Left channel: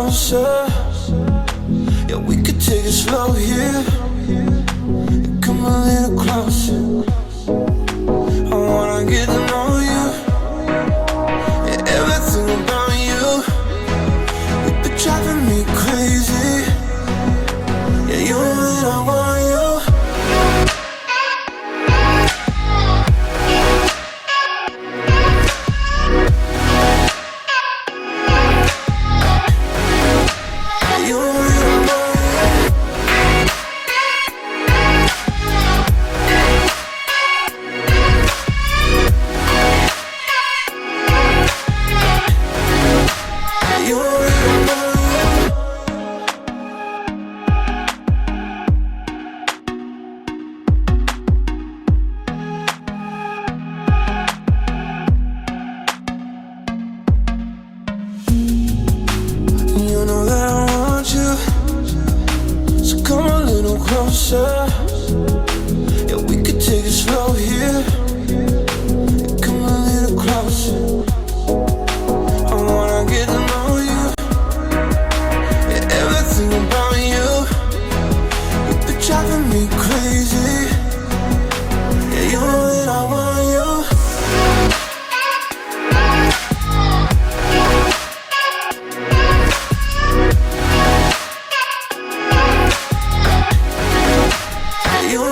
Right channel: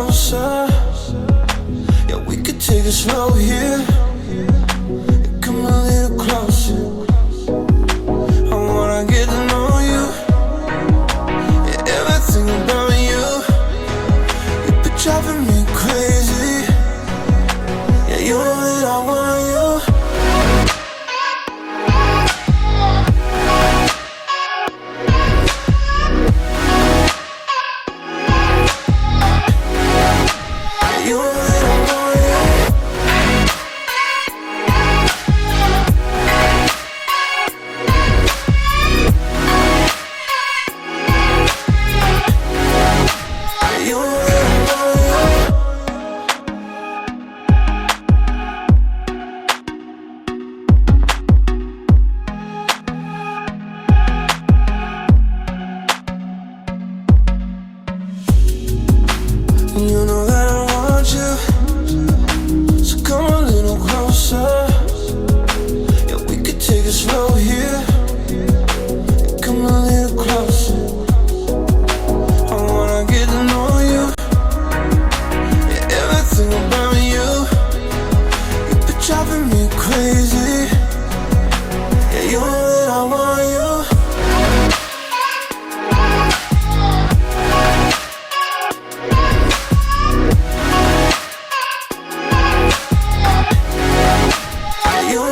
closer. Yeah, we could take it slow here. Come a little closer. I wanna get to know you. Yeah, everything about you. You've been driving me crazy. Yeah, you know that I want you. You know that I want you, so come a little closer. Yeah, we could take it slow here. Come a little closer. I wanna get to know you. Yeah, everything about you. You've been driving me crazy. Yeah, you know that I want you. You